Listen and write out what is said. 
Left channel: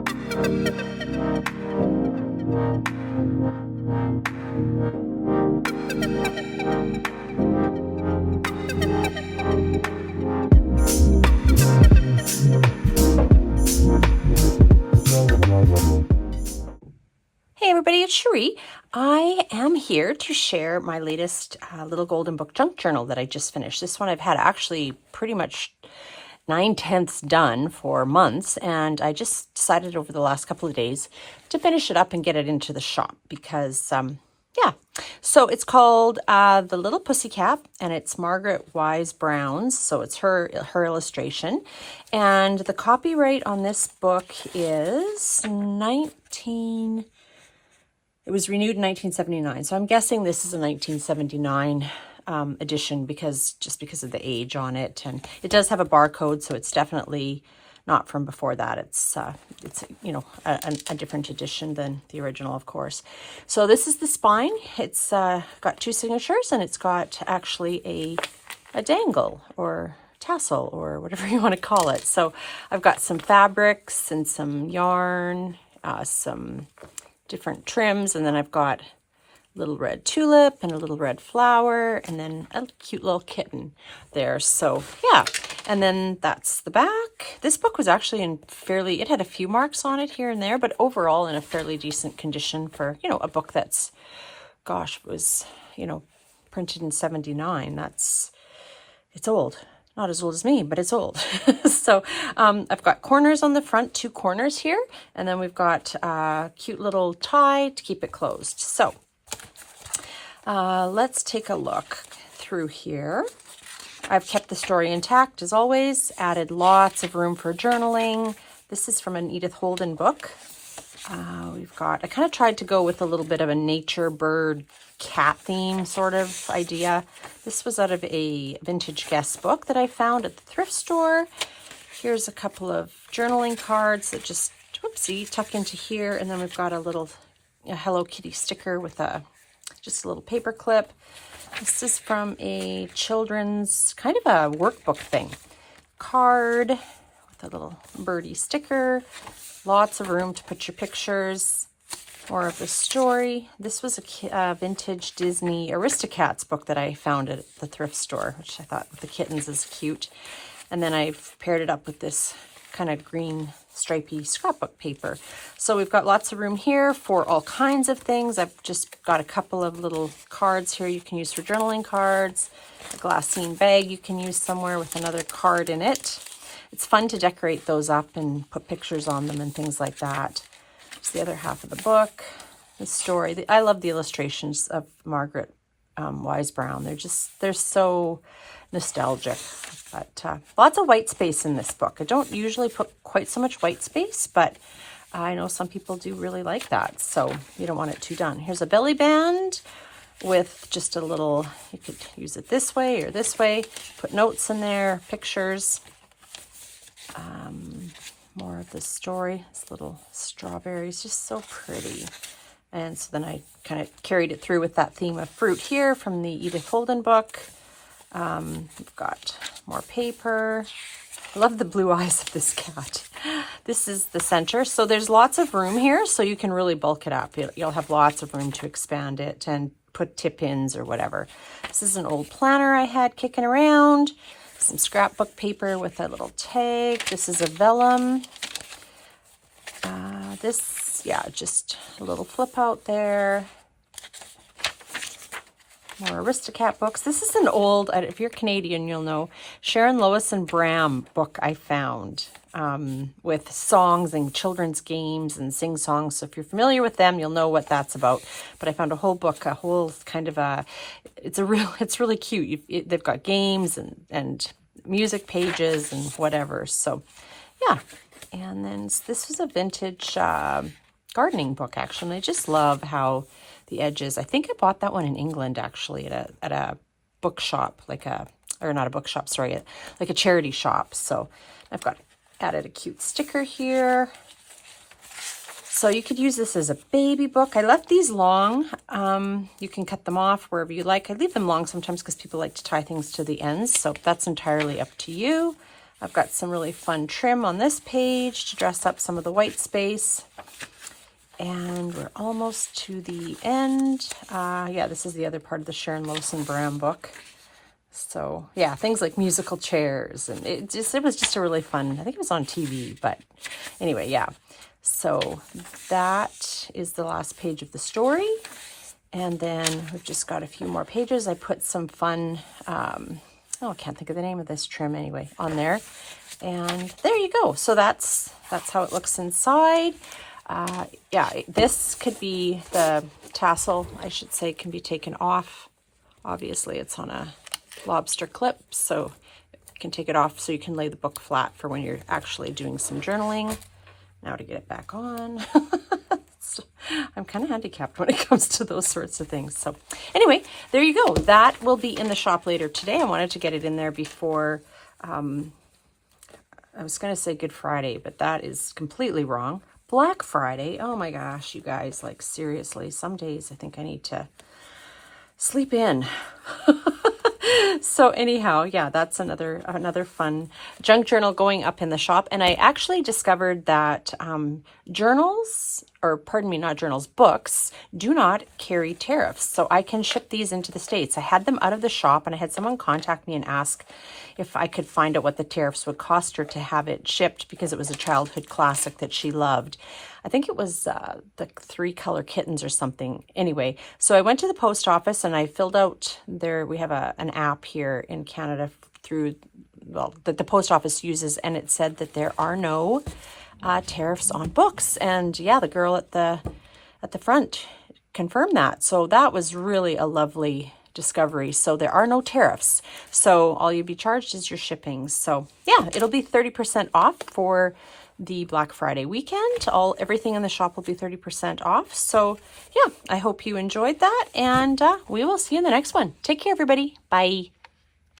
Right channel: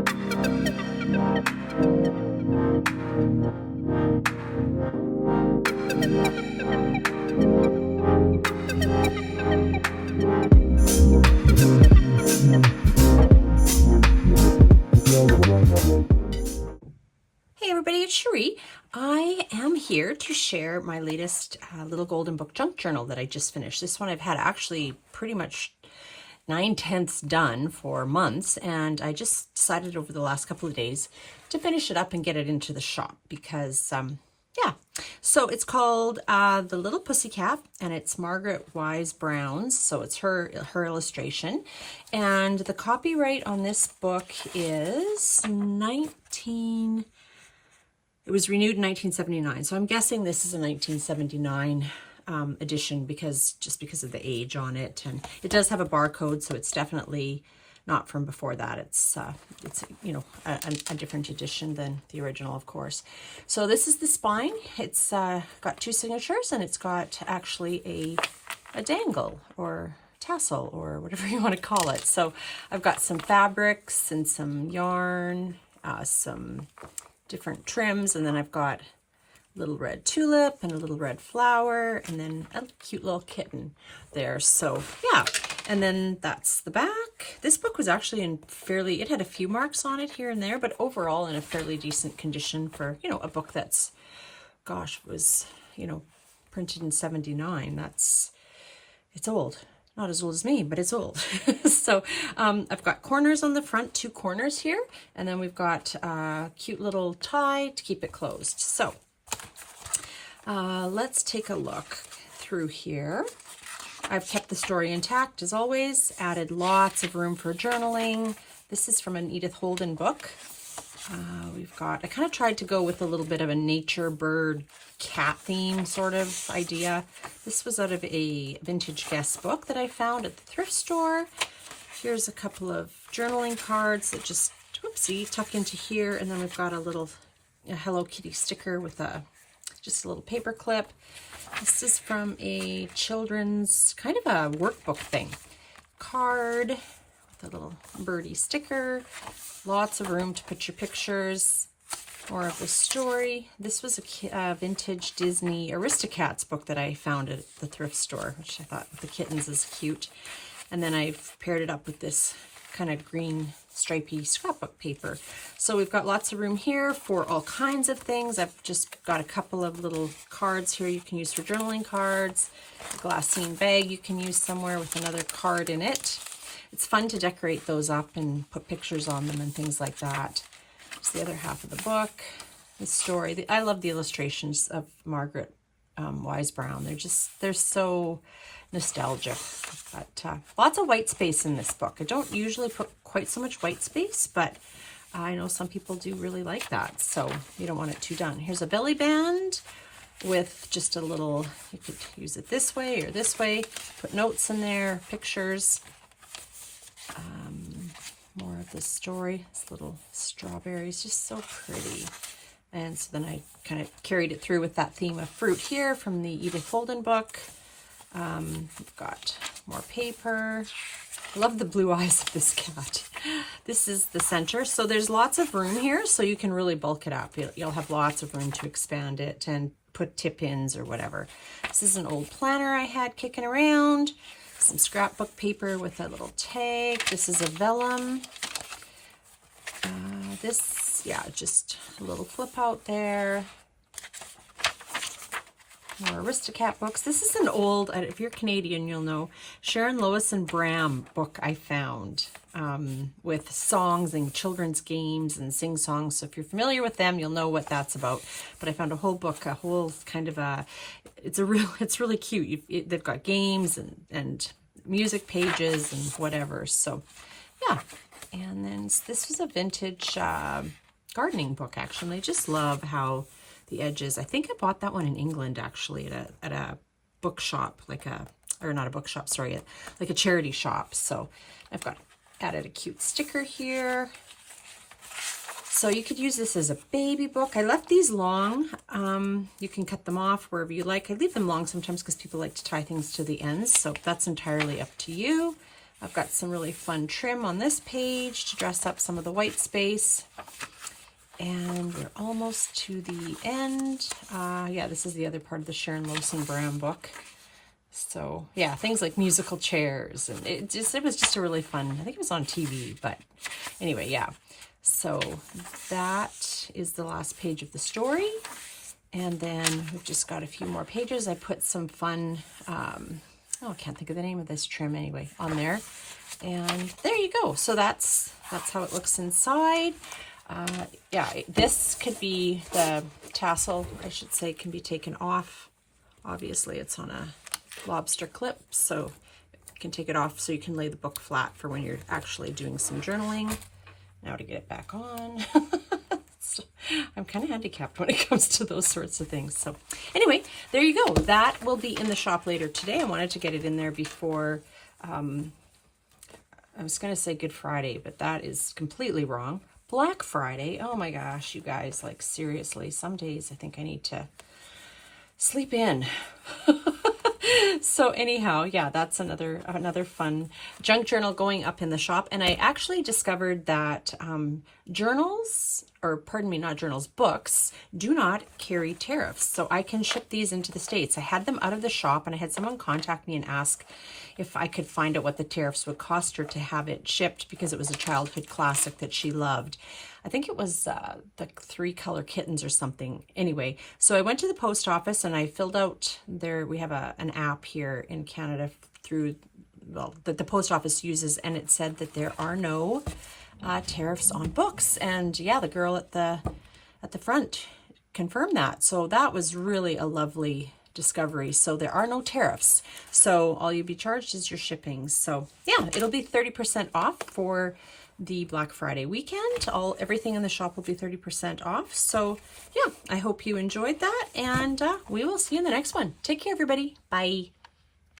Hey everybody, it's Cherie. I am here to share my latest little golden book junk journal that I just finished. This one I've had actually pretty much 9/10 done for months, and I just decided over the last couple of days to finish it up and get it into the shop because, yeah. So it's called The Little Pussycat, and it's Margaret Wise Brown's, so it's her illustration. And the copyright on this book is it was renewed in 1979, so I'm guessing this is a 1979 edition because of the age on it, and it does have a barcode, so it's definitely not from before that. It's you know, a different edition than the original, of course. So this is the spine. It's got two signatures, and it's got actually a dangle or tassel or whatever you want to call it. So I've got some fabrics and some yarn, some different trims, and then I've got a little red tulip and a little red flower, and then a cute little kitten there. So yeah, and then that's the back. This book was actually it had a few marks on it here and there, but overall in a fairly decent condition for, you know, a book that's, gosh, was, you know, printed in 79. It's old. Not as old as me, but it's old. So I've got corners on the front, two corners here, and then we've got a cute little tie to keep it closed. So let's take a look through here. I've kept the story intact as always, added lots of room for journaling. This is from an Edith Holden book. I kind of tried to go with a little bit of a nature, bird, cat theme sort of idea. This was out of a vintage guest book that I found at the thrift store. Here's a couple of journaling cards that just, whoopsie, tuck into here. And then we've got a Hello Kitty sticker with just a little paper clip. This is from a children's kind of a workbook thing. Card with a little birdie sticker. Lots of room to put your pictures. More of the story. This was a vintage Disney Aristocats book that I found at the thrift store, which I thought the kittens is cute. And then I've paired it up with this kind of green stripy scrapbook paper. So we've got lots of room here for all kinds of things. I've just got a couple of little cards here you can use for journaling cards. A glassine bag you can use somewhere with another card in it. It's fun to decorate those up and put pictures on them and things like that. It's the other half of the book, the story. I love the illustrations of Margaret Wise Brown. They're so nostalgic. But lots of white space in this book. I don't usually put quite so much white space, but I know some people do really like that, so you don't want it too done. Here's a belly band with just a little, you could use it this way or this way, put notes in there, pictures. More of the story. This little strawberries, just so pretty. And so then I kind of carried it through with that theme of fruit here from the Edith Holden book. We've got more paper. I love the blue eyes of this cat. This is the center. So there's lots of room here, so you can really bulk it up. You'll have lots of room to expand it and put tip-ins or whatever. This is an old planner I had kicking around. Some scrapbook paper with a little tag. This is a vellum. Just a little flip out there. More Aristocat books. This is an old, if you're Canadian, you'll know, Sharon Lois and Bram book I found with songs and children's games and sing songs. So if you're familiar with them, you'll know what that's about. But I found a whole book, a whole kind of it's really cute. They've got games and music pages and whatever. So yeah. And then this was a vintage gardening book, actually. I just love how the edges, I think I bought that one in England, actually, at a bookshop, like a charity shop. So I've got added a cute sticker here. So you could use this as a baby book. I left these long. You can cut them off wherever you like. I leave them long sometimes because people like to tie things to the ends. So that's entirely up to you. I've got some really fun trim on this page to dress up some of the white space. And we're almost to the end. Yeah, this is the other part of the Sharon Lowson Brown book. So yeah, things like musical chairs, and it was just a really fun, I think it was on TV, but anyway, yeah. So that is the last page of the story. And then we've just got a few more pages. I put some fun, I can't think of the name of this trim anyway, on there. And there you go. So that's how it looks inside. Yeah, this could be the tassel, I should say, can be taken off. Obviously, it's on a lobster clip, so you can take it off so you can lay the book flat for when you're actually doing some journaling. Now to get it back on. So I'm kind of handicapped when it comes to those sorts of things. So anyway, there you go. That will be in the shop later today. I wanted to get it in there before, I was going to say Good Friday, but that is completely wrong. Black Friday. Oh my gosh, you guys, like seriously, some days I think I need to sleep in. So anyhow, yeah, that's another fun junk journal going up in the shop. And I actually discovered that journals, or pardon me, not journals, books, do not carry tariffs. So I can ship these into the States. I had them out of the shop, and I had someone contact me and ask if I could find out what the tariffs would cost her to have it shipped, because it was a childhood classic that she loved. I think it was the 3 Color Kittens or something. Anyway, so I went to the post office and I filled out there. We have an app here in Canada through, well, that the post office uses, and it said that there are no tariffs on books. And yeah, the girl at the front confirmed that. So that was really a lovely discovery. So there are no tariffs. So all you'll be charged is your shipping. So yeah, it'll be 30% off for the Black Friday weekend. Everything in the shop will be 30% off. So yeah, I hope you enjoyed that, and we will see you in the next one. Take care, everybody. Bye.